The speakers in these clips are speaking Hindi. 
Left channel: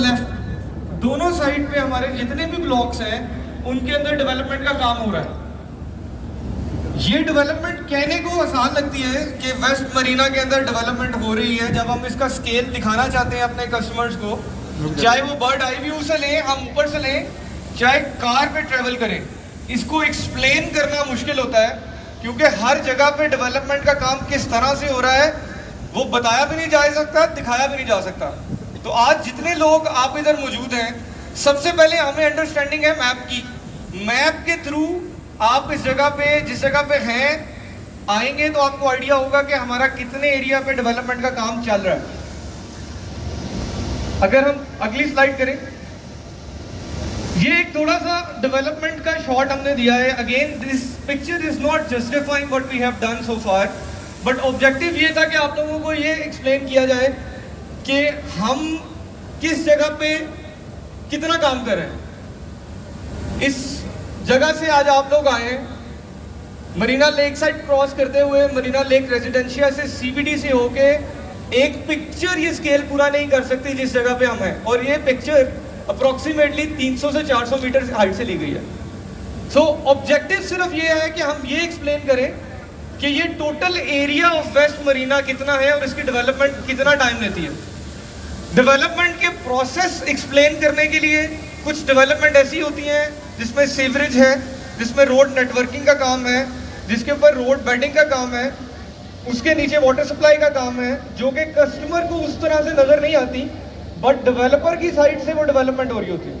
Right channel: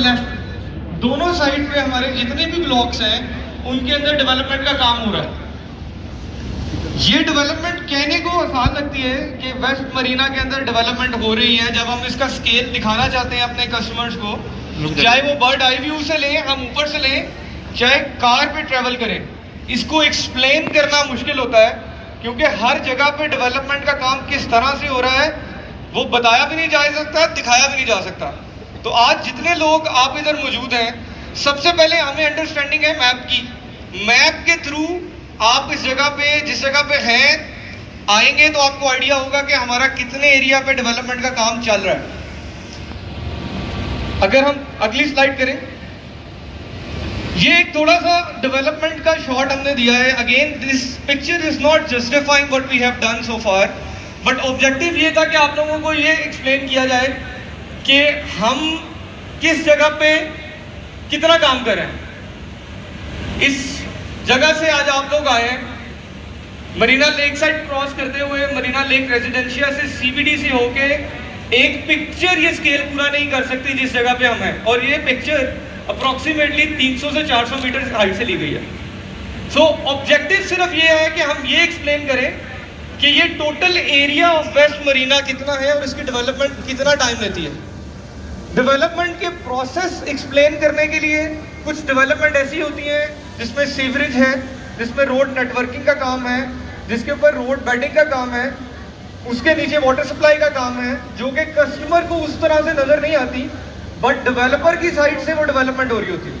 दोनों साइड पे हमारे जितने भी ब्लॉक्स हैं उनके अंदर डेवलपमेंट का काम हो रहा है। ये डेवलपमेंट कहने को आसान लगती है कि वेस्ट मरीना के अंदर डेवलपमेंट हो रही है। जब हम इसका स्केल दिखाना चाहते हैं अपने कस्टमर्स को, चाहे वो बर्ड आई व्यू से लें, हम ऊपर से लें, चाहे कार पे ट्रेवल करें, इसको एक्सप्लेन करना मुश्किल होता है क्योंकि हर जगह पे डेवलपमेंट का काम किस तरह से हो रहा है वो बताया भी नहीं जा सकता, दिखाया भी नहीं जा सकता। तो आज जितने लोग आप इधर मौजूद हैं, सबसे पहले हमें अंडरस्टैंडिंग है मैप की। मैप के थ्रू आप इस जगह पे, जिस जगह पे हैं, आएंगे तो आपको आइडिया होगा कि हमारा कितने एरिया पे डेवलपमेंट का काम चल रहा है। अगर हम अगली स्लाइड करें, ये एक थोड़ा सा डेवलपमेंट का शॉट हमने दिया है। Again this picture is not justifying what we have done so far, but objective ये था कि आप लोगों को ये एक्सप्लेन किया जाए कि हम किस जगह पे कितना काम कर रहे हैं। इस जगह से आज आप लोग आए हैं मरीना लेक साइड क्रॉस करते हुए, मरीना लेक रेजिडेंशिया से, सीबीडी से होके, एक पिक्चर ये स्केल पूरा नहीं कर सकती जिस जगह पे हम हैं। और ये पिक्चर अप्रोक्सीमेटली 300 से 400 मीटर हाइट से ली गई है। सो ऑब्जेक्टिव सिर्फ ये है कि हम ये एक्सप्लेन करें कि ये total area of West Marina कितना है और इसकी डेवलपमेंट कितना टाइम लेती है। डेवलपमेंट के प्रोसेस एक्सप्लेन करने के लिए कुछ डेवलपमेंट ऐसी होती हैं जिसमें सीवरेज है, जिसमें रोड नेटवर्किंग का काम है, जिसके ऊपर रोड बेडिंग का काम है, उसके नीचे वाटर सप्लाई का काम है, जो कि कस्टमर को उस तरह से नजर नहीं आती, बट डेवलपर की साइड से वो डेवलपमेंट हो रही होती है।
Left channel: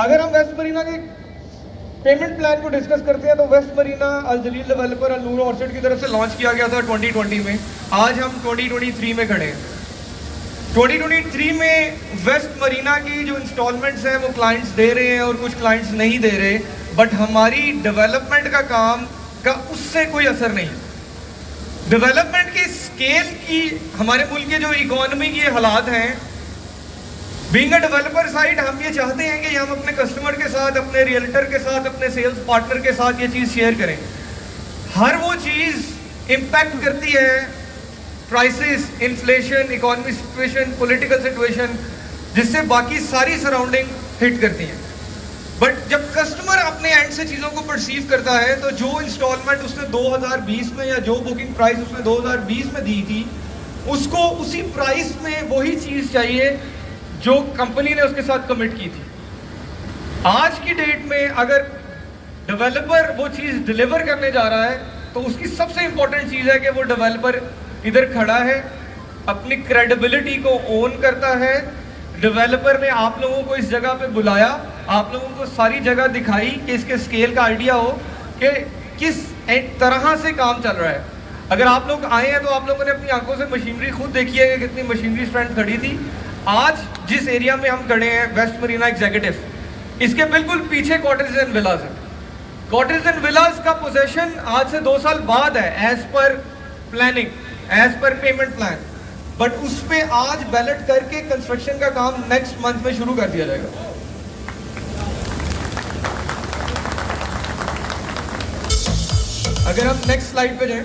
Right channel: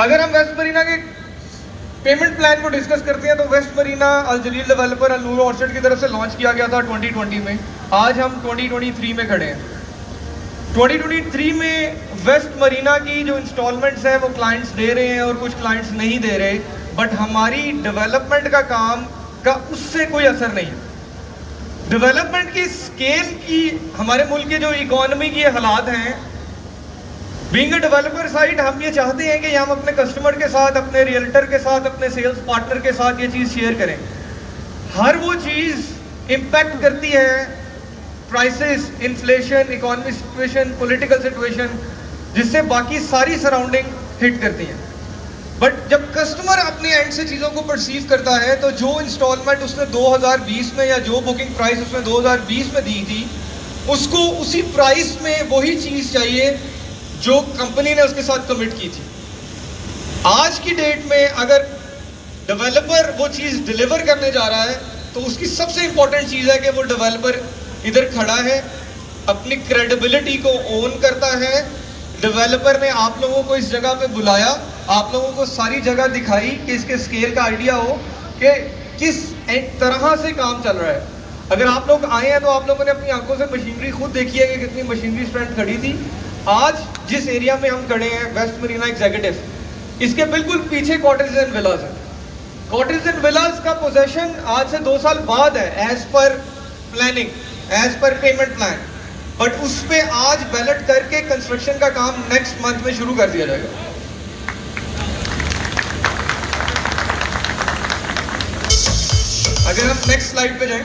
अगर हम वेस्ट मरीना के पेमेंट प्लान को डिस्कस करते हैं तो वेस्ट मरीना अल जलील डेवलपर अल नूर ऑर्चर्ड की तरफ से लॉन्च किया गया था 2020 में। आज हम 2023 में खड़े हैं। 2023 में वेस्ट मरीना की जो इंस्टॉलमेंट्स हैं वो क्लाइंट्स दे रहे हैं और कुछ क्लाइंट्स नहीं दे रहे, बट हमारी डेवलपमेंट का काम का उससे कोई असर नहीं। डेवलपमेंट की स्केल की, हमारे मुल्क की जो इकोनॉमी की हालात हैं, बीइंग अ डेवलपर साइड, हम ये चाहते हैं कि हम अपने कस्टमर के साथ, अपने रियल्टर के साथ, अपने सेल्स पार्टनर के साथ ये चीज़ शेयर करें। हर वो चीज़ इम्पैक्ट करती है prices, inflation, economic situation, political situation, जिससे बाकी सारी सराउंडिंग हिट करती हैं। बट जब कस्टमर अपने एंड से चीज़ों को परसीव करता है तो जो इंस्टॉलमेंट उसने 2020 में या जो बुकिंग प्राइस उसने 2020 में दी थी, उसको उसी प्राइस में वही चीज़ चाहिए जो कंपनी ने उसके साथ कमिट की थी। आज की डेट में अगर डेवलपर वो चीज़ डिलीवर करने जा रहा है तो उसकी सबसे इंपॉर्टेंट चीज़ है कि वो डेवलपर इधर खड़ा है, अपनी क्रेडिबिलिटी को ओन करता है। डेवलपर ने आप लोगों को इस जगह पे बुलाया, आप लोगों को सारी जगह दिखाई कि इसके स्केल का आइडिया हो कि किस तरह से काम चल रहा है। अगर आप लोग आए हैं तो आप लोगों ने अपनी आंखों से मशीनरी खुद देखी है कि कितनी मशीनरी स्ट्रेंथ खड़ी थी। आज जिस एरिया में हम खड़े हैं, वेस्ट मरीना एग्जीक्यूटिव, इसके बिल्कुल पीछे कॉटेज एंड विलास है। कॉटेज एंड विलास का पोजेशन आज से 2 साल बाद है, as per planning, as per payment plan, but उस पे आज बैलेट करके कंस्ट्रक्शन का काम नेक्स्ट मंथ में शुरू कर दिया जाएगा। अगर हम नेक्स्ट स्लाइड पे जाएं,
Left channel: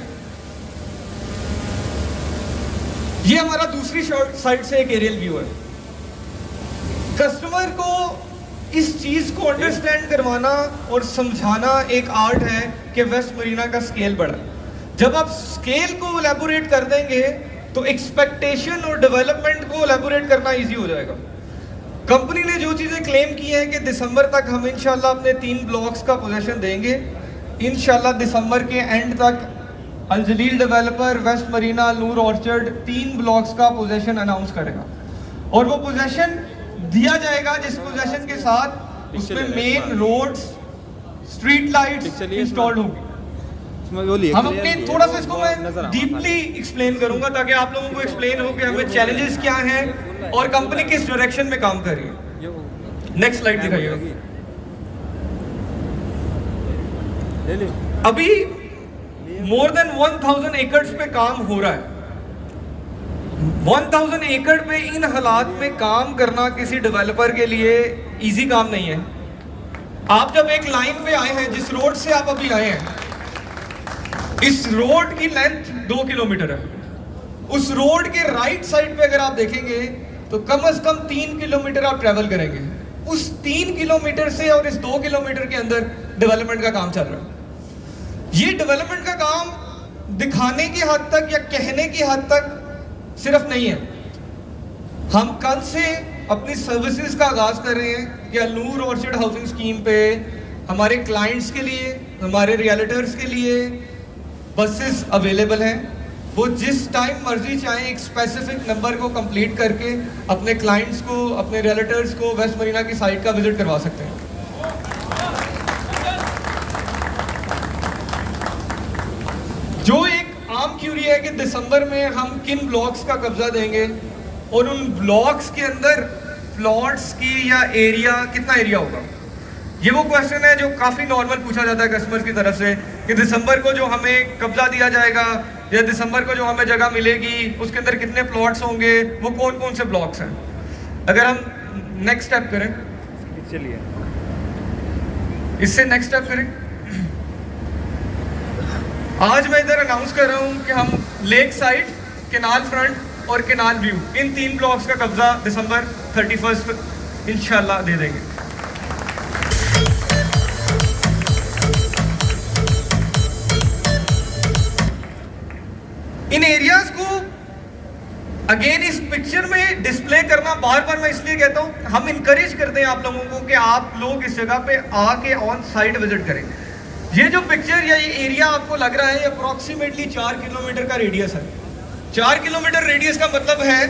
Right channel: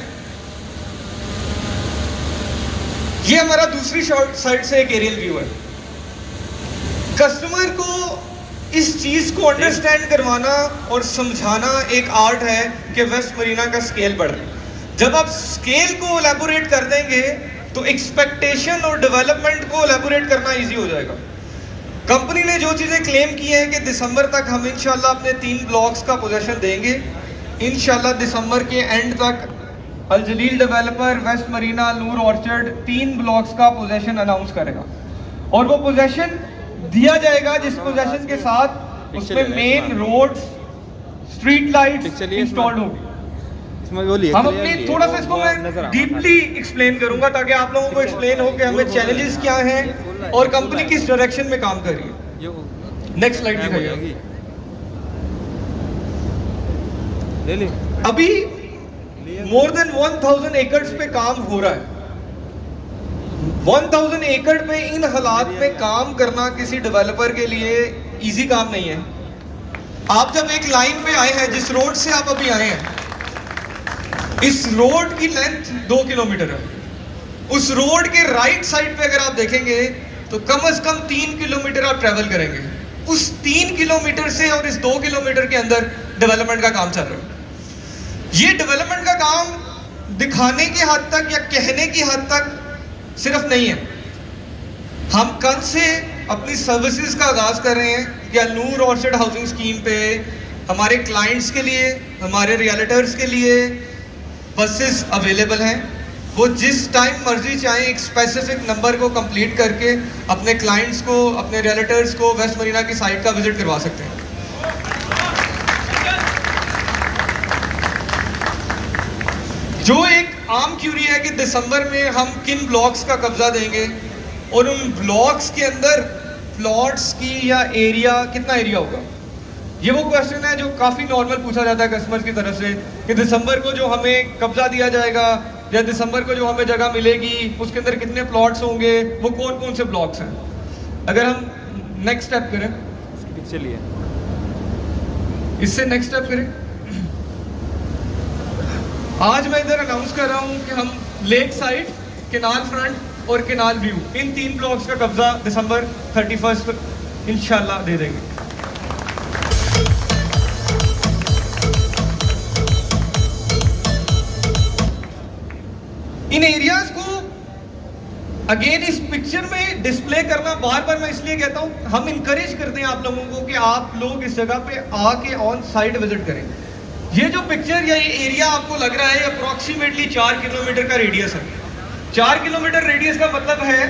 ये हमारा दूसरी साइड से एक एरियल व्यू है। कस्टमर को इस चीज को अंडरस्टैंड करवाना और समझाना एक आर्ट है कि वेस्ट मरीना का स्केल बढ़ रहा है। जब आप स्केल को एलैबोरेट कर देंगे तो एक्सपेक्टेशन और डेवलपमेंट को एलैबोरेट करना इजी हो जाएगा। कंपनी ने जो चीजें क्लेम की हैं कि दिसंबर तक हम इंशाल्लाह अपने 3 ब्लॉक्स का पोजीशन देंगे, इंशाल्लाह दिसंबर के एंड तक अल जलील डेवलपर वेस्ट मरीना नूर ऑर्चर्ड 3 ब्लॉक्स का पोजीशन अनाउंस करेगा और वो पोजीशन दिया जाएगा जिस पोजीशन के साथ उसमें main roads, street lights installed होंगी। हम अपनी थोड़ा सा इसको मैं डीपली एक्सप्लेन करूंगा ताकि आप लोगों को एक्सप्लेन हो कि हमें चैलेंजेस क्या हैं और कंपनी किस डायरेक्शन में काम कर रही है। नेक्स्ट स्लाइड दिखाइए। अभी मोर देन 1000 एकड़ पे काम हो रहा है। 1000 एकड़ पे इन हालात में काम करना किसी डेवलपर के लिए इजी काम नहीं है। आप जब एक लाइन पे आए हैं, जिस रोड से आप अभी आए हैं, इस रोड की लेंथ 2 किलोमीटर है। उस रोड के राइट साइड पे अगर आप देखेंगे तो कम से कम 3 किलोमीटर आप ट्रैवल करेंगे। उस 3 किलोमीटर से और इस 2 किलोमीटर के अंदर डेवलपमेंट का काम चल रहा है। ये डेवलपमेंट का काम दिखाने की हद तक या कहने की हद तक सिर्फ नहीं है। हम कल से अपनी सर्विसेज का आगाज कर रहे हैं कि नूर ऑर्चिड हाउसिंग स्कीम पे हमारे क्लाइंट्स के लिए, हमारे रियल्टर्स के लिए बसेस अवेलेबल हैं। वो जिस टाइम मर्जी चाहे एक स्पेसिफिक नंबर को कंप्लीट करके अपने क्लाइंट्स को, अपने रियल्टर्स को वेस्ट मरीना की साइट का विजिट करवा सकते हैं। जो एक आम क्यूरी है कि दिसंबर में हम किन ब्लॉक्स का कब्जा देंगे और उन ब्लॉक्स के अंदर प्लॉट्स की या एरिया, कितना एरिया होगा। ये वो क्वेश्चन है जो काफ़ी नॉर्मल पूछा जाता है कस्टमर्स की तरफ से कि दिसंबर को जो हमें कब्जा दिया जाएगा या दिसंबर को जो हमें जगह मिलेगी उसके अंदर कितने प्लॉट्स होंगे, वो कौन कौन से ब्लॉक्स हैं। अगर हम नेक्स्ट स्टेप करें, चलिए इससे नेक्स्ट स्टेप करें। आज मैं इधर अनाउंस कर रहा हूँ कि हम लेक साइड, केनाल फ्रंट और केनाल व्यू, इन 3 ब्लॉक्स का कब्जा दिसंबर 31 इंशाल्लाह दे देंगे। इन एरियाज को अगेन इस पिक्चर में डिस्प्ले करना बार बार मैं इसलिए कहता हूं, हम इंकरेज करते हैं आप लोगों को कि आप लोग इस जगह पे आके ऑन साइट विजिट करें। ये जो पिक्चर या ये एरिया आपको लग रहा है अप्रोक्सीमेटली 4 किलोमीटर का रेडियस है। 4 किलोमीटर रेडियस का मतलब है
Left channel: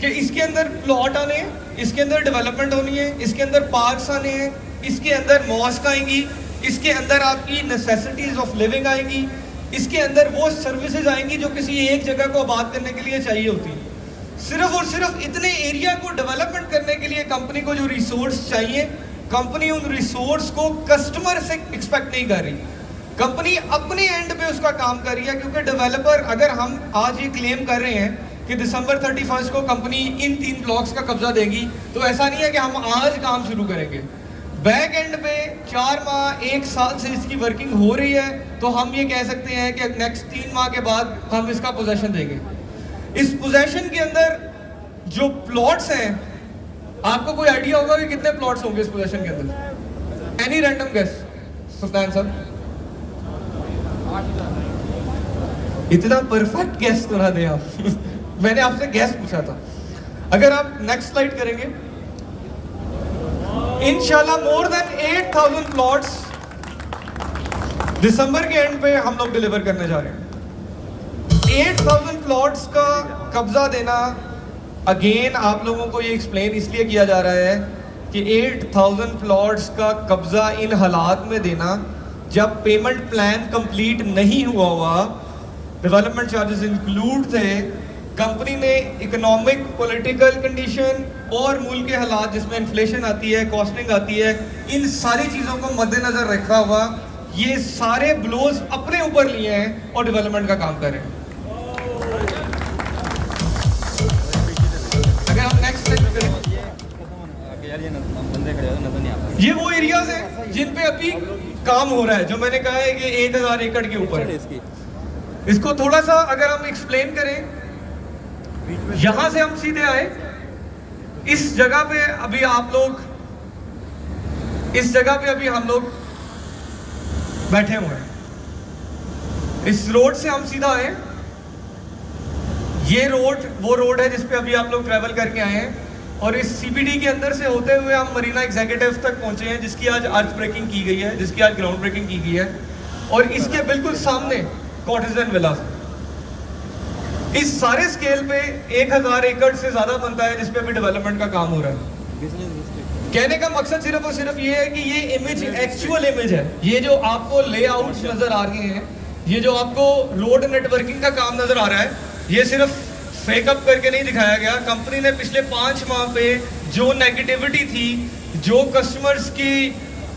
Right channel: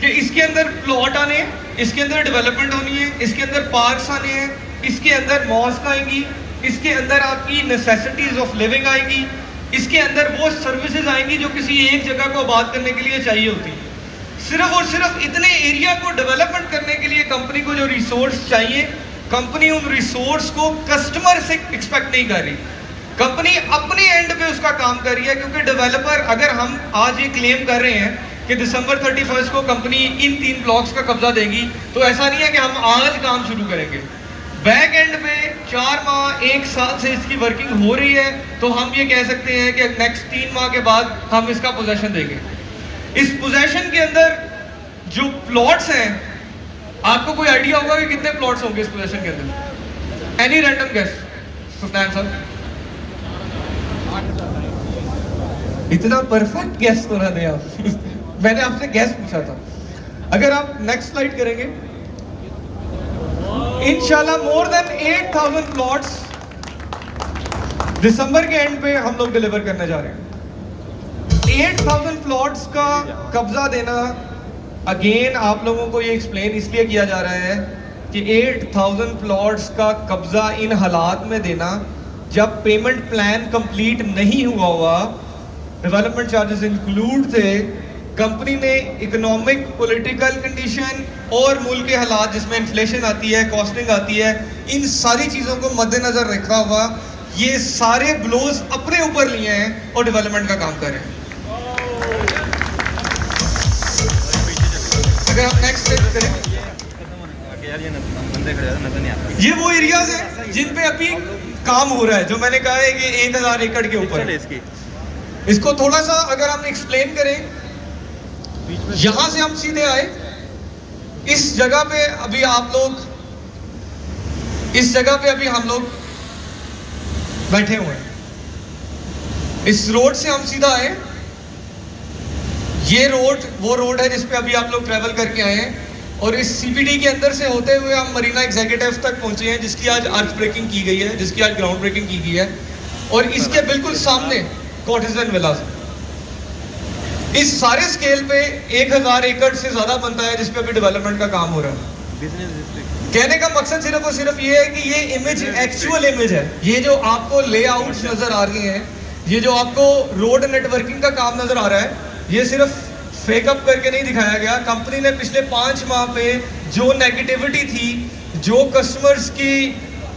कि इसके अंदर प्लॉट आने हैं, इसके अंदर डेवलपमेंट होनी है, इसके अंदर पार्क्स आने हैं, इसके अंदर मॉस्क आएंगी, इसके अंदर आपकी नेसेसिटीज ऑफ लिविंग आएंगी, इसके अंदर वो सर्विसेज आएंगी जो किसी एक जगह को आबाद करने के लिए चाहिए होती है। सिर्फ और सिर्फ इतने एरिया को डेवलपमेंट करने के लिए कंपनी को जो रिसोर्स चाहिए, कंपनी उन रिसोर्स को कस्टमर से एक्सपेक्ट नहीं कर रही। कंपनी अपनी एंड पे उसका काम कर रही है, क्योंकि डेवलपर, अगर हम आज ये क्लेम कर रहे हैं कि दिसंबर 31 को कंपनी इन 3 ब्लॉक्स का कब्जा देगी, तो ऐसा नहीं है कि हम आज काम शुरू करेंगे। बैक एंड में 4 माह 1 साल से इसकी वर्किंग हो रही है, तो हम ये कह सकते हैं कि नेक्स्ट 3 माह के बाद हम इसका पोजेशन देंगे। इस पोजेशन के अंदर जो प्लॉट्स हैं, आपको कोई आइडिया होगा कि कितने प्लॉट्स होंगे इस पोजेशन के अंदर? एनी रैंडम गेस सुल्तान साहब? इतना परफेक्ट गेस तो ना दिया मैंने आपसे गेस पूछा था। अगर आप नेक्स्ट स्लाइड करेंगे, इंशाल्लाह मोर देन 8000 प्लॉट्स दिसंबर के एंड पे हम लोग डिलीवर करने जा रहे हैं। 8000 प्लॉट्स का कब्जा देना, अगेन आप लोगों को ये एक्सप्लेन इसलिए किया जा रहा है कि 8000 प्लॉट्स का कब्जा इन हालात में देना जब पेमेंट प्लान कंप्लीट नहीं हुआ हुआ, डेवलपमेंट चार्जेस इंक्लूड थे, कंपनी ने इकोनॉमिक, पॉलिटिकल कंडीशन और मुल्क के हालात जिसमें इन्फ्लेशन आती है, कॉस्टिंग आती है, इन सारी चीज़ों को मद्देनजर रखा हुआ ये सारे ब्लोज अपने ऊपर लिए हैं और डेवलपमेंट का काम कर रहे हैं। अगर हम नेक्स्ट स्टेप करें, ये वो एरियाज हैं जिन पे अभी काम हो रहा है, जो मैंने कहा है कि 1000 एकड़ के ऊपर। इसको थोड़ा सा अगर हम एक्सप्लेन करें, यहां से हम सीधे आए, इस जगह पे अभी आप लोग, इस जगह पे अभी हम लोग बैठे हुए हैं। इस रोड से हम सीधा आए, ये रोड वो रोड है जिस पे अभी आप लोग ट्रैवल करके आए हैं, और इस सीबीडी के अंदर से होते हुए हम मरीना एग्जीक्यूटिव तक पहुंचे हैं, जिसकी आज अर्थ ब्रेकिंग की गई है, जिसकी आज ग्राउंड ब्रेकिंग की गई है, और इसके बिल्कुल सामने कॉटेज एंड विलास। इस सारे स्केल पे 1000 एकड़ से ज्यादा बनता है जिस पे अभी डेवलपमेंट का काम हो रहा है। कहने का मकसद सिर्फ और सिर्फ ये है कि ये इमेज एक्चुअल इमेज है। ये जो आपको लेआउट्स नजर आ रही हैं, ये जो आपको रोड नेटवर्किंग का काम नजर आ रहा है, ये सिर्फ फेकअप करके नहीं दिखाया गया। कंपनी ने पिछले 5 माह पे जो नेगेटिविटी थी, जो कस्टमर्स की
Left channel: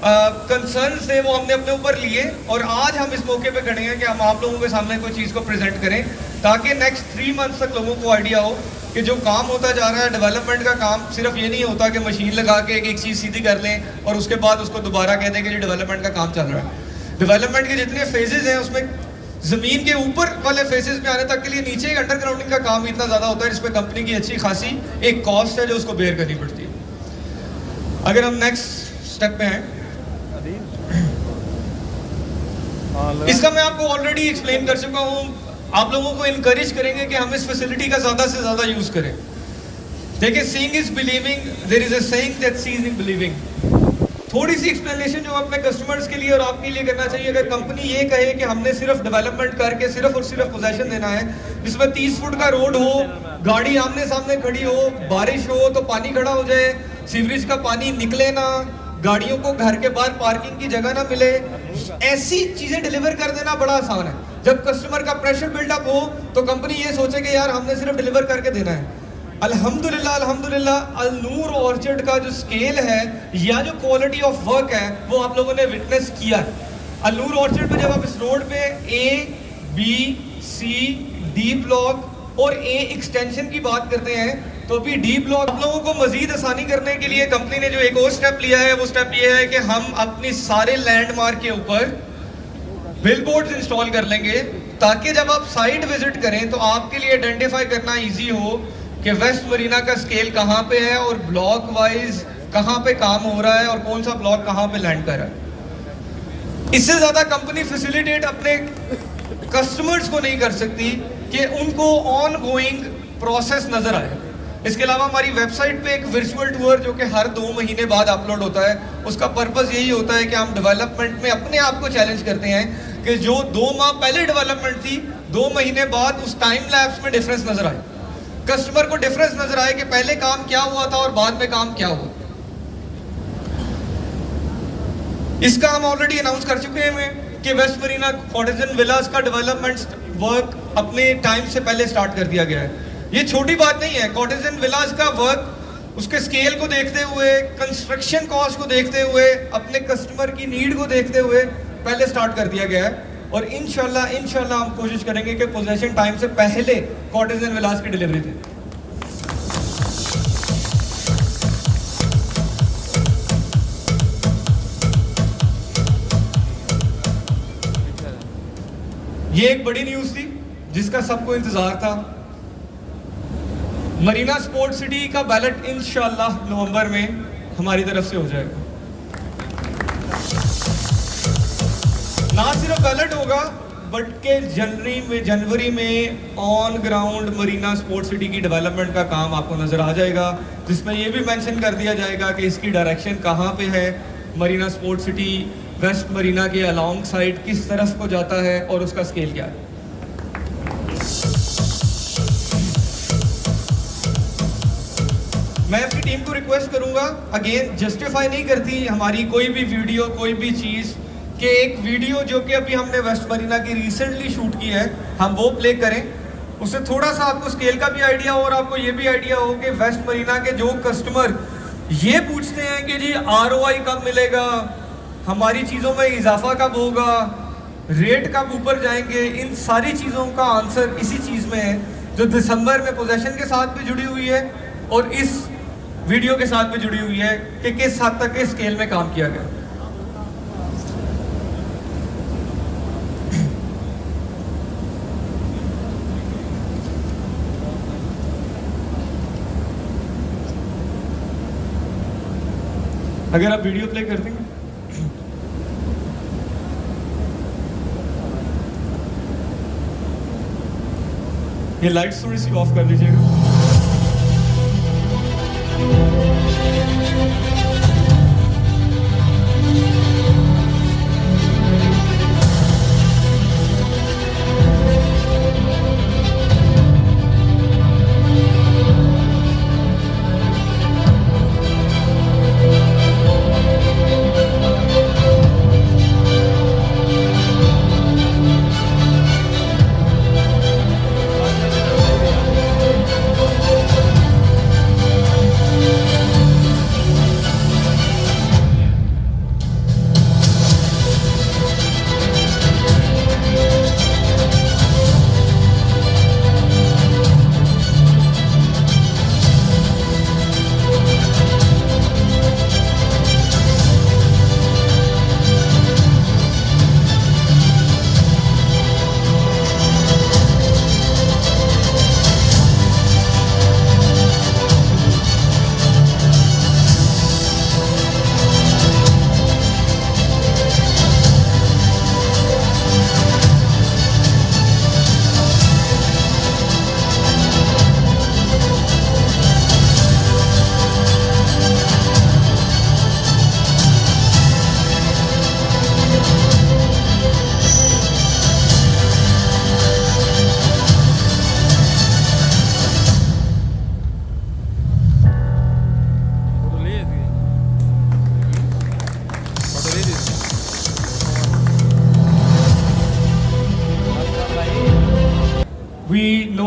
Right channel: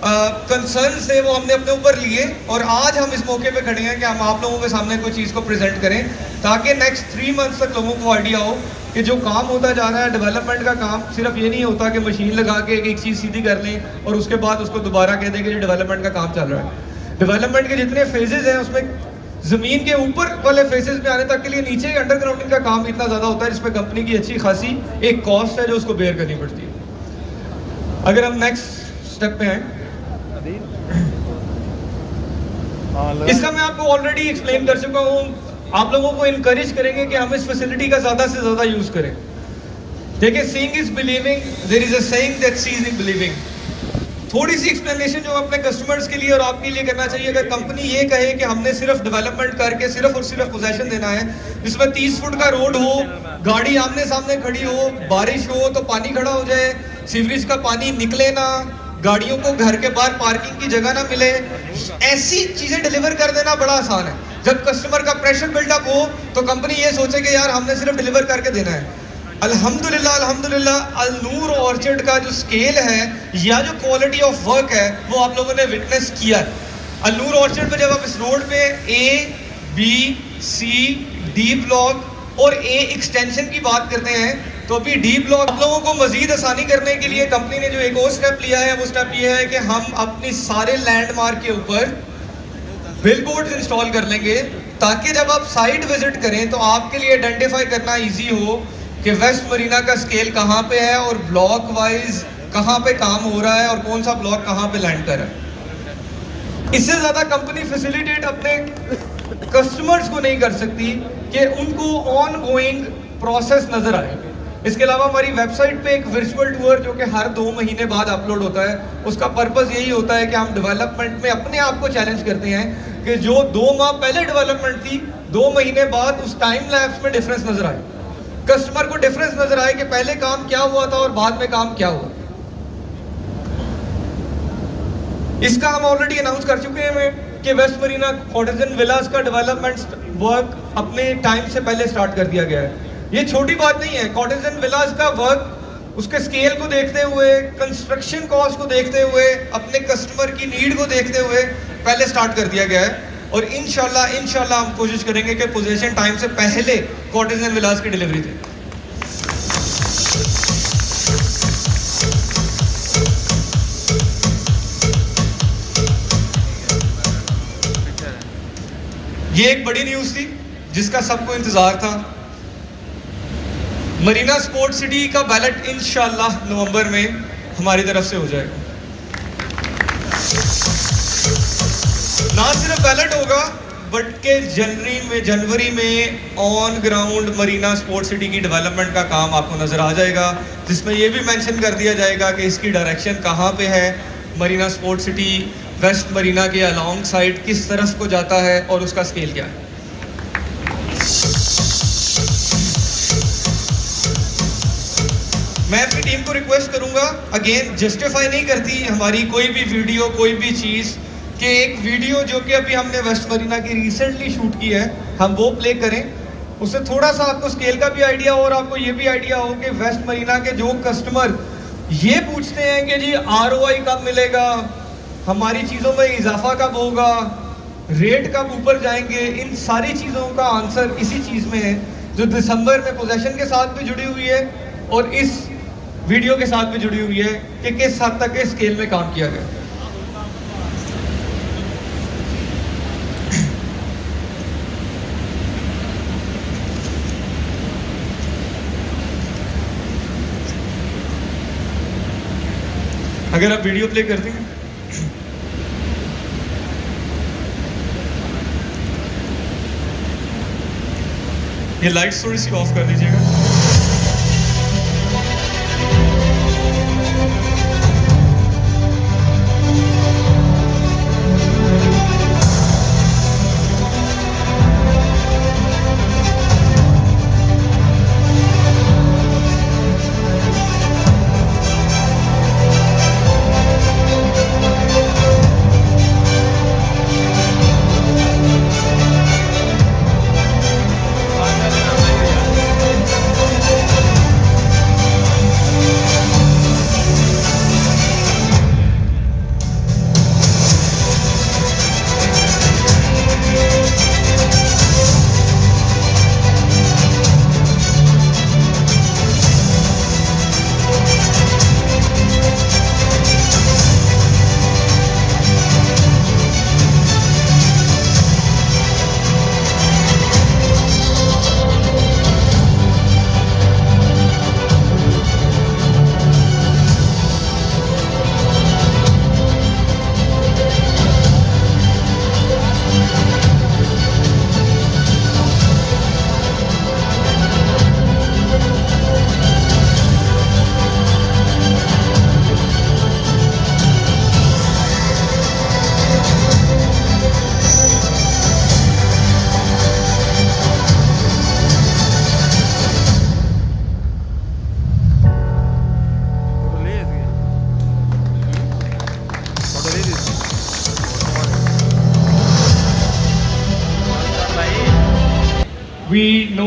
कंसर्न थे, वो हमने अपने ऊपर लिए, और आज हम इस मौके पे खड़े हैं कि हम आप लोगों के सामने कोई चीज़ को प्रेजेंट करें, ताकि नेक्स्ट 3 मंथ्स तक लोगों को आइडिया हो कि जो काम होता जा रहा है, डेवलपमेंट का काम सिर्फ ये नहीं होता कि मशीन लगा के एक चीज़ सीधी कर लें और उसके बाद उसको दोबारा कह दें कि जो डेवलपमेंट का काम चल रहा है। डेवलपमेंट के जितने फेजेज हैं उसमें जमीन के ऊपर वाले फेसेस में आने तक के लिए नीचे अंडरग्राउंडिंग का काम इतना ज्यादा होता है जिसमें कंपनी की अच्छी खासी एक कॉस्ट है जो उसको बेयर करनी पड़ती है। अगर हम नेक्स्ट स्टेप पे हैं, इसका मैं आपको ऑलरेडी एक्सप्लेन कर चुका हूँ। आप लोगों को इनकरेज करेंगे कि हम इस फैसिलिटी का ज्यादा से ज्यादा यूज करें। देखिए, seeing is believing, there is a saying that seeing is believing. थोड़ी सी एक्सप्लेनेशन जो अपने कस्टमर्स के लिए और आपके लिए करना चाहिए। अगर कंपनी ये कहे कि हमने सिर्फ डेवलपमेंट करके सिर्फ और सिर्फ पोजेशन देना है, जिसमें 30 फुट का रोड हो, गाड़ी आमने सामने खड़ी हो, बारिश हो तो पानी खड़ा हो जाए, सीवरेज का पानी निकले ना, गाड़ियों को घर के बाहर पार्किंग की जगह ना मिले, ऐसी चीजें डिलीवर कर देना बड़ा आसान है। जब कस्टमर का प्रेशर बिल्डअप हो तो कंपनी ये सोचे कि यार हमने सिर्फ डिलीवर करके देना है। अल्हम्दुलिल्लाह अल्हम्दुलिल्लाह अल-नूर ऑर्चर्ड का जो स्केल है या जो क्वालिटी ऑफ वर्क है वो आप लोगों ने विटनेस किया है। अल-नूर ऑर्चर्ड पे जब आप इस रोड पे A, B, C, D block और A एक्सटेंशन की बात करते हैं तो अभी D ब्लॉक आप लोगों को मजीद आसानी करने के लिए कंपनी ने जो एक और स्टेप लिया है वो स्टेप ये है कि हम अपनी सारे लैंडमार्क के ऊपर बिलबोर्ड्स इंस्टॉल कर लेंगे ताकि जब आप साइट विजिट करें तो आपके लिए आइडेंटिफाई करना इजी हो कि वेस्ट मरीना का स्केल कहाँ पे है और ब्लॉक वाइज कहाँ पे काम हो रहा है और कौन सा ब्लॉक कहाँ पे लैंड कर रहा है। इससे ज्यादा कंपनी फैसिलिटेट अपने कस्टमर्स को नहीं कर सकती कि उनको ऑन गोइंग प्रोसेस नजर आए। इसके अलावा हमारी वेबसाइट पे एक वर्चुअल टूर जो कि हर 2 महीने बाद अपलोड होता है, उसका पर्पस यही होता है कि हम डेवलपमेंट में अपने आप को चैलेंज करते हैं कि जो 2 माह पहले डेवलपमेंट थी 2 महीने बाद उस टाइम लैप्स में डिफरेंस नजर आए, कस्टमर को डिफरेंस नजर आए कि पहले काम क्या हुआ था और बाद में काम क्या हुआ। इसका हम ऑलरेडी अनाउंस कर चुके हैं कि वेस्ट मरीना कॉटेजन विलास का डेवलपमेंट वर्क अपने टाइम से पहले स्टार्ट कर दिया गया है। ये छोटी बात नहीं है। कॉटेजन विलास का वर्क उसके स्केल को देखते हुए, कंस्ट्रक्शन कॉस्ट को देखते हुए, अपने कस्टमर की नीड को देखते हुए पहले स्टार्ट कर दिया गया है और इंशाल्लाह हम कोशिश करेंगे कि पोजीशन टाइम से पहले कॉटेजन विलास की डिलीवरी दें। ये एक बड़ी न्यूज थी जिसका सबको इंतजार था। मरीना स्पोर्ट सिटी का बैलेट इंशाल्लाह नवंबर में हमारी तरफ से हो जाएगा। ना सिर्फ बैलेट होगा बट के जनवरी में on ground Marina Sport city की डेवलपमेंट का काम आपको नजर आ जाएगा, जिसमें ये भी मेंशन कर दिया जाएगा कि इसकी डायरेक्शन कहाँ पे है। Marina Sport City West Marina के अलॉन्ग साइड किस तरफ को जाता है और उसका स्केल क्या है। मैं अपनी टीम को रिक्वेस्ट करूंगा, अगेन जस्टिफाई नहीं करती हमारी कोई भी वीडियो, कोई भी चीज, कि एक वीडियो जो कि अभी हमने वेस्ट मरीना की रिसेंटली शूट की है हम वो प्ले करें, उससे थोड़ा सा आपको स्केल का भी आइडिया हो और आपको ये भी आइडिया हो कि वेस्ट मरीना के जो कस्टमर ये पूछते हैं कि जी ROI कब मिलेगा, हमारी चीज़ों में इजाफा कब होगा, रेट कब ऊपर जाएंगे, इन सारी चीज़ों का आंसर इसी चीज़ में है जो दिसंबर में पोजेशन के साथ भी जुड़ी हुई है और इस वीडियो के साथ भी जुड़ी हुई है कि किस हद तक इस स्केल में काम किया गया। अगर आप वीडियो प्ले कर देंगे, ये लाइट्स थोड़ी सी ऑफ कर दीजिएगा।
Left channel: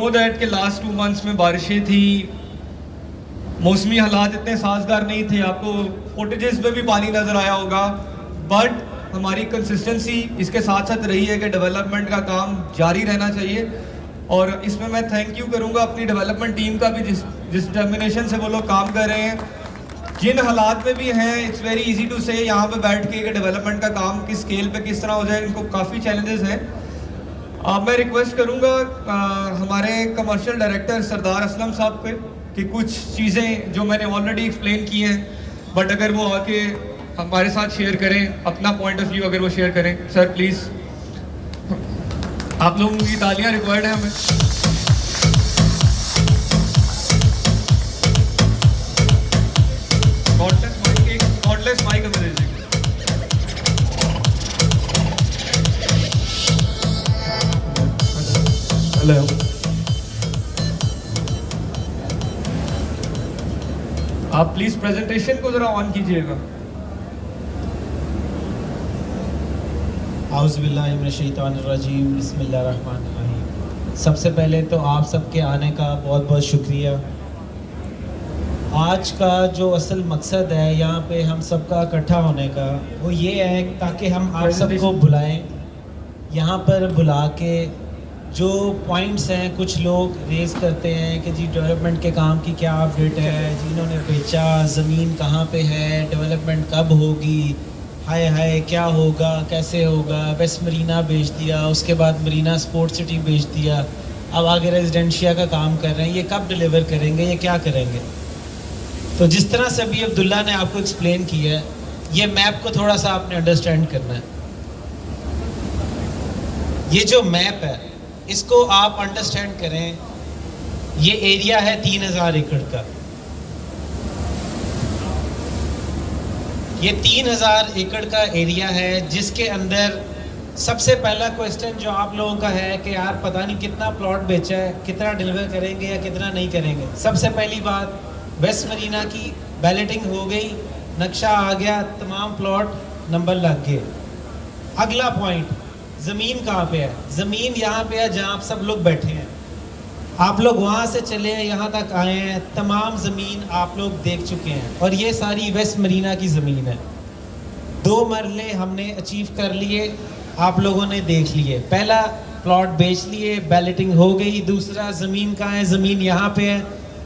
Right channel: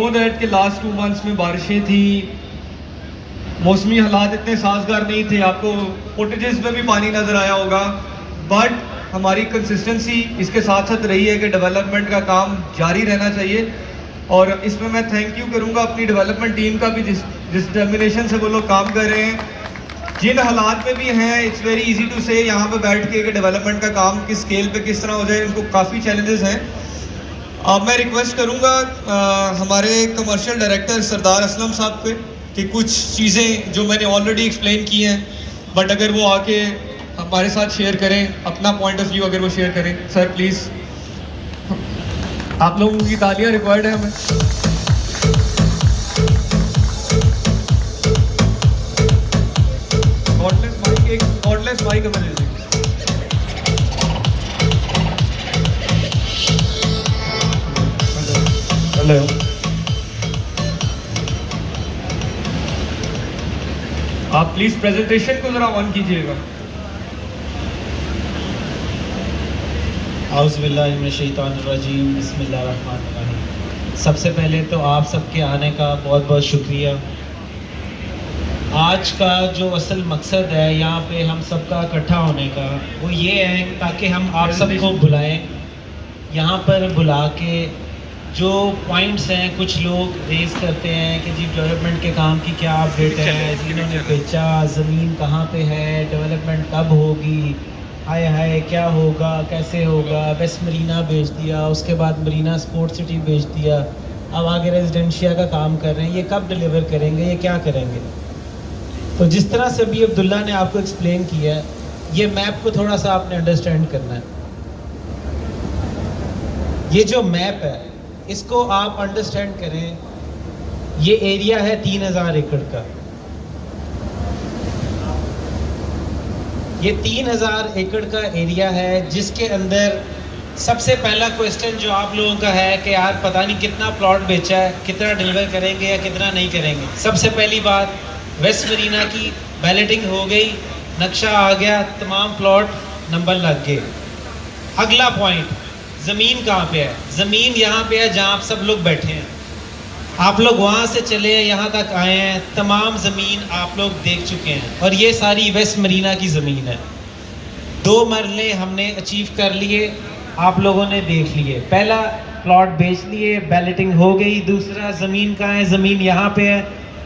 नो दैट कि लास्ट 2 मंथ्स में बारिशें थी, मौसमी हालात इतने साजगार नहीं थे, आपको फुटेजेस में भी पानी नज़र आया होगा, बट हमारी कंसिस्टेंसी इसके साथ साथ रही है कि डेवलपमेंट का काम जारी रहना चाहिए। और इसमें मैं थैंक यू करूँगा अपनी डेवलपमेंट टीम का भी, जिस डिटर्मिनेशन से वो लोग काम कर रहे हैं, जिन हालात में भी हैं। इट्स वेरी इजी टू से यहाँ पे बैठ के डेवलपमेंट का काम किस स्केल पे किस तरह हो जाए, इनको काफ़ी चैलेंजेस हैं। अब मैं रिक्वेस्ट करूँगा हमारे कमर्शियल डायरेक्टर सरदार असलम साहब पे कि कुछ चीज़ें जो मैंने ऑलरेडी एक्सप्लेन की हैं, बट अगर वो आके हमारे साथ शेयर करें अपना पॉइंट ऑफ व्यू, अगर वो शेयर करें। सर प्लीज़, आप लोगों की तालियां रिक्वायर्ड है हमें। कॉर्डलेस माइक हमें दे देंगे। हेलो, आप प्लीज प्रेजेंटेशन को जरा ऑन कीजिएगा। औज़ुबिल्लाहिमिनश्शैतानिर्रजीम, बिस्मिल्लाहिर्रहमानिर्रहीम। सबसे पहले तो आप सबके आने का बहुत बहुत शुक्रिया। आज का जो असल मकसद है यहाँ पे हम सबका इकट्ठा होने का, वो ये है ताकि हम आप सबको बुलाएं, यहाँ पर बुला के जो पॉइंट्स हैं, कुछ लोग रेज़ करते हैं कि जी डेवलपमेंट के काम की क्या अपडेट है, जिन्होंने बेचा, ज़मीन कहाँ पे है, डेवलपमेंट कब होगी, हाय हाय क्या होगा, कैसे होगा, वेस्ट मरीना बेच दिया, उसके बाद मरीना स्पोर्ट सिटी बेच दिया, अब आगे रेजिडेंशिया का काम कर रहे हैं, ये कब डिलीवर करेंगे, ये क्या करेंगे। तो जिस तरह से अभी अब्दुल्ला ने आपको एक्सप्लेन किया है, ये मैप को थोड़ा सा आपने अंडरस्टैंड करना है। ये जो मैप है इसको आप अंडरस्टैंड करें, ये एरिया है 3000 एकड़ का। ये 3000 एकड़ का एरिया है जिसके अंदर सबसे पहला क्वेश्चन जो आप लोगों का है कि यार पता नहीं कितना प्लॉट बेचा है, कितना डिलीवर करेंगे या कितना नहीं करेंगे। सबसे पहली बात, वेस्ट मरीना की बैलेटिंग हो गई, नक्शा आ गया, तमाम प्लॉट नंबर लग गए। अगला पॉइंट, ज़मीन कहाँ पे है? ज़मीन यहाँ पे है जहाँ आप सब लोग बैठे हैं। आप लोग वहाँ से चले यहाँ तक आए हैं, तमाम ज़मीन आप लोग देख चुके हैं और ये सारी वेस्ट मरीना की ज़मीन है। 2 मरले हमने अचीव कर लिए, आप लोगों ने देख लिए। पहला प्लॉट बेच लिए, बैलेटिंग हो गई। दूसरा, ज़मीन कहाँ है? ज़मीन यहाँ पे है।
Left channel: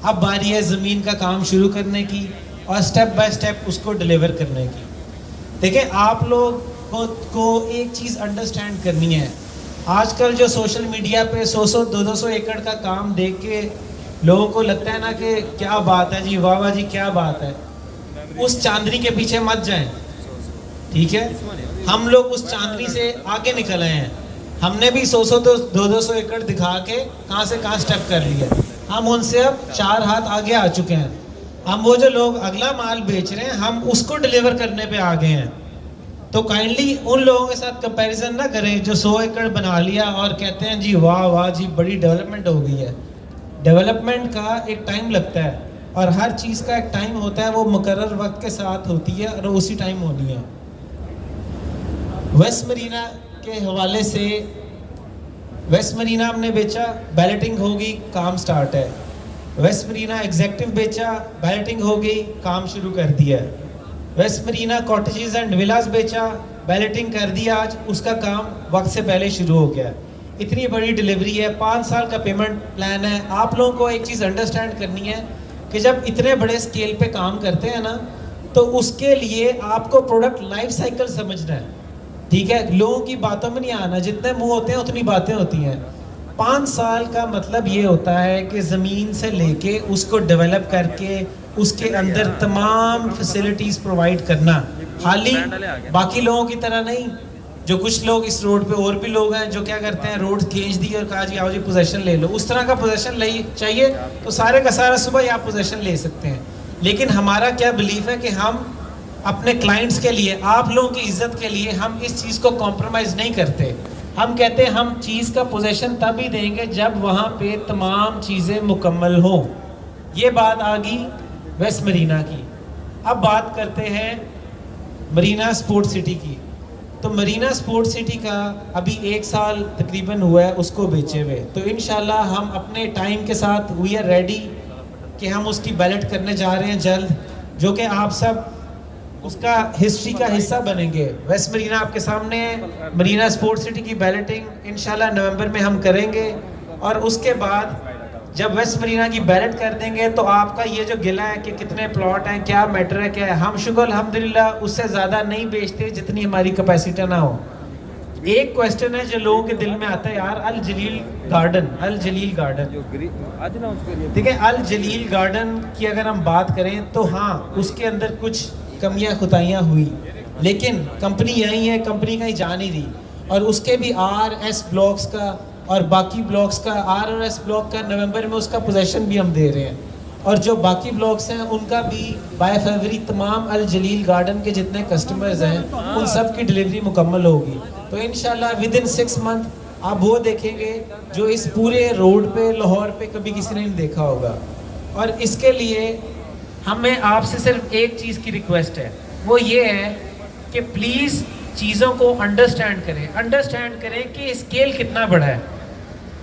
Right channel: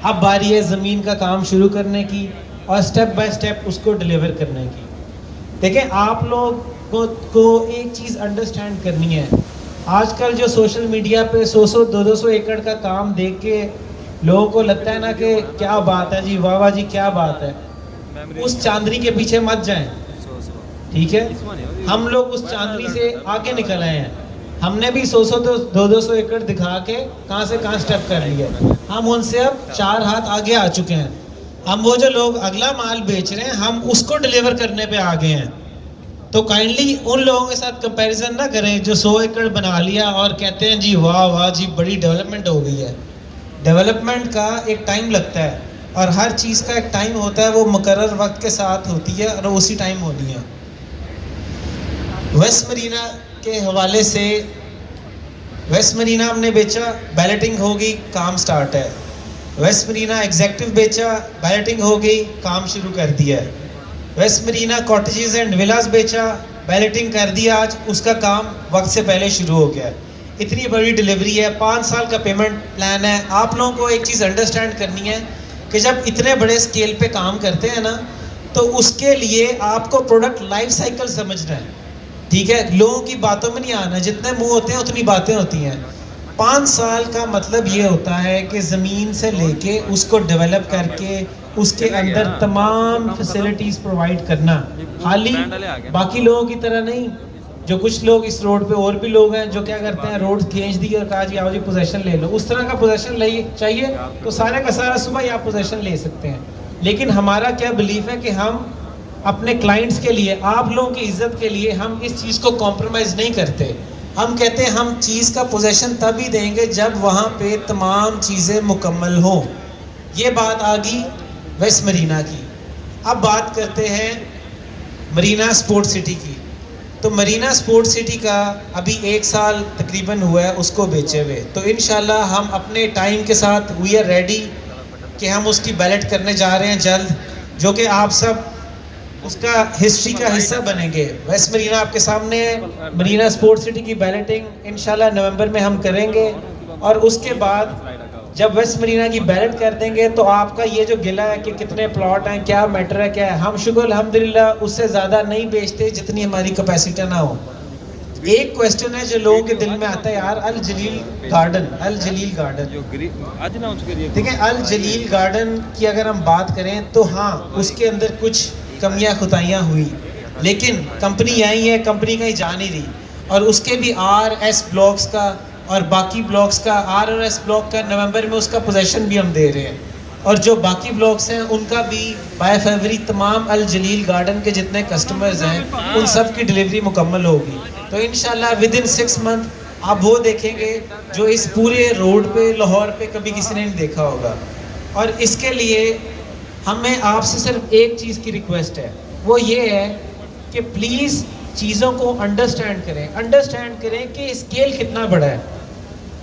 अब बारी है ज़मीन का काम शुरू करने की और स्टेप बाय स्टेप उसको डिलीवर करने की। देखें, आप लोग को एक चीज़ अंडरस्टैंड करनी है। आजकल जो सोशल मीडिया पे 100-100, 200 एकड़ का काम देख के लोगों को लगता है ना कि क्या बात है जी, वाह वाह जी क्या बात है। उस चांदनी के पीछे मत जाएं, ठीक है। हम लोग उस चांदनी से आगे निकल आए हैं। हमने भी 100-100, 200 एकड़ दिखा के कहाँ से कहाँ स्टेप कर लिया। हम उनसे अब 4 हाथ आगे आ चुके हैं। हम वो जो लोग अगला माल बेच रहे हैं, हम उसको डिलीवर करने पे आ गए हैं। तो काइंडली उन लोगों के साथ कंपैरिजन ना करें जो 100 एकड़ बना लिया और कहते हैं जी वाह वाह जी बड़ी डेवलपमेंट हो गई है। डेवलपमेंट का एक टाइम लगता है और हर चीज़ का एक टाइम होता है, वो मुकर्रर वक्त के साथ होती है और उसी टाइम होनी है। वेस्ट मरीना के हवाले से, वेस्ट मरीना हमने बेचा, बैलेटिंग हो गई, काम स्टार्ट है। वेस्ट मरीना एग्जेक्टिव बेचा, बैलेटिंग हो गई, काम शुरू कर दिया है। वेस्ट मरीना कॉटेजेस एंड विलास बेचा, बैलेटिंग कर दिया, आज उसका काम वक्त से पहले शुरू हो गया। इतनी बड़ी डिलीवरी है, 5 साल का पेमेंट प्लान है। आप लोगों को एक चीज़ अंडरस्टैंड करनी है कि जब इतने बड़े स्केल पे काम करते हैं ना, तो उसके लिए आपको प्रोडक्ट लाइफ साइकिल समझना है, ठीक है। लोगों की बातों में नहीं आना, जितने मुंह होते हैं उतनी बातें होती हैं। 5 साल का मतलब ये होता है कि ज़मीन से लेके उसको डेवलप करके उसके अंदर तमाम फैसिलिटीज़ प्रोवाइड करना। खाली बाकी लोगों की तरह नहीं, जो कुछ लोग इस रोड पे और भी लोग हैं जो क्या करते हैं, रोड खींच दी और कहा जी आओ जी पोजेशन ले लो। उस तरह का पोजेशन ले चाहिए तो सारे का सारा सुबह ही आप पोजेशन ले सकते हैं। लेकिन हमारा क्या बिलीफ है कि हम अपने क्लाइंट्स के लिए, आप लोगों की इज्जत के लिए हम इस चीज़ को कॉम्प्रोमाइज़ नहीं करते। हम कहते हैं हम चीज़ का पोजेशन तभी देंगे जब वहाँ पे तमाम चीज़ें मुकम्मल हों। ये बात आ गई वेस्ट मरीना की। अब बात करते हैं मरीना स्पोर्ट सिटी की। तो मरीना स्पोर्ट सिटी का अभी 1 साल तकरीबन हुआ है उसको बेचे हुए। तो इंशाल्लाह हम अपने टाइम के साथ वी आर रेडी कि हम उसकी बैलेट करने जा रहे हैं जल्द, जो कि आप सब उसका हिस्ट्री का हिस्सा बनेंगे। वेस्ट मरीना आपके सामने है, मरीना स्पोर्ट सिटी की बैलेटिंग इंशाल्लाह नवंबर में हम करेंगे। और उसके बाद जब वेस्ट मरीना की बैलेट कर देंगे तो आपका ये जो गिला है कि कितने प्लॉट हैं, क्या मैटर है, क्या है, हम शुक्र अल्हम्दुलिल्लाह उससे ज़्यादा नहीं बेचते जितनी हमारी कैपेसिटी ना हो। एक क्वेश्चन है जो लोगों के दिल में आता है, यार अल जलील गार्डन, अल जलील गार्डन, ठीक है, अल जलील गार्डन की अगर हम बात करें तो हाँ उसके अंदर कुछ कमियां खुताइयाँ हुई, लेकिन कंपनी आई है, कंपनी कहीं जा नहीं रही। और उसके भी RS ब्लॉक्स का और बाकी ब्लॉक्स का, RS ब्लॉक का नवंबर में उसका पोजेशन भी हम दे रहे हैं। और जो बाकी ब्लॉक्स हैं उनका भी बाय फरवरी तमाम अल जलील गार्डन के जितने कस्टमर्स हैं उन सब की डिलीवरी मुकम्मल होगी। तो इंशाल्लाह विद इन 6 मंथ आप वो देखेंगे जो इस पूरे रोड पे लाहौर पे कभी किसी ने नहीं देखा होगा। और इसके लिए हमें आपसे सिर्फ एक चीज़ की रिक्वेस्ट है, वो ये है कि प्लीज़ चीज़ों को अंडरस्टैंड करें कि स्केल कितना बड़ा है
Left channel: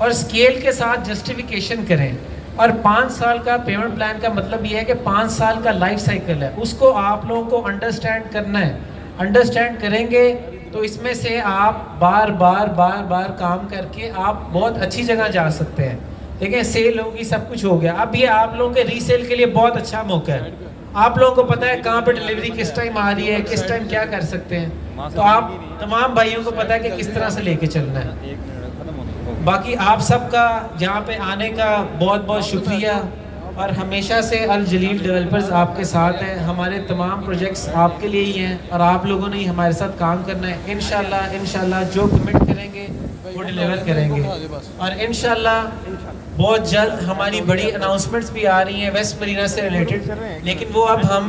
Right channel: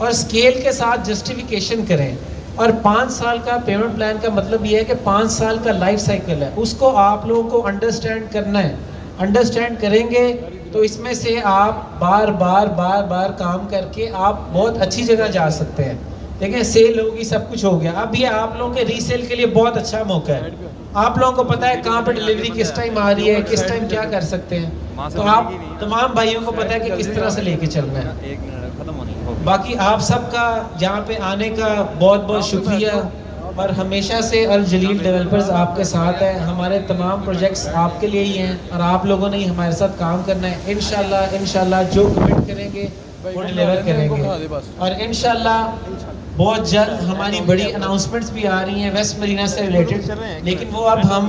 और स्केल के साथ जस्टिफिकेशन करें। और 5 साल का पेमेंट प्लान का मतलब ये है कि 5 साल का लाइफ साइकिल है, उसको आप लोगों को अंडरस्टैंड करना है। अंडरस्टैंड करेंगे तो इसमें से आप बार बार काम करके आप बहुत अच्छी जगह जा सकते हैं। देखें सेल होगी, सब कुछ हो गया, अब ये आप लोगों के रीसेल के लिए बहुत अच्छा मौका है। आप लोगों को पता है कहाँ पे डिलीवरी किस टाइम आ रही है, किस टाइम क्या कर सकते हैं, तो आप तमाम भाइयों को पता है कि किस तरह से लेके चलना है। बाकी आप सबका यहाँ पे आने का बहुत बहुत शुक्रिया। और हमेशा से अल जलील डेवलपर्स आपके साथ हैं, हमारे तमाम प्रोजेक्ट्स आपके लिए ही हैं और आप लोगों ने ही हमारे साथ काम करना है। इंशाल्लाह जो कमिट करेंगे वो डिलीवर करेंगे। और इंशाल्लाह बहुत जल्द हमारी बड़ी अनाउंसमेंट्स भी आ रही हैं वेस्ट मरीना से रिलेटेड, लेकिन वो अब हम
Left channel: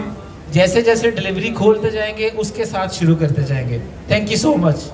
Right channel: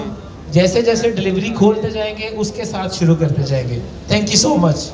जैसे जैसे डिलीवरी खोलते जाएंगे उसके साथ शुरू करते जाएंगे। Thank you so much.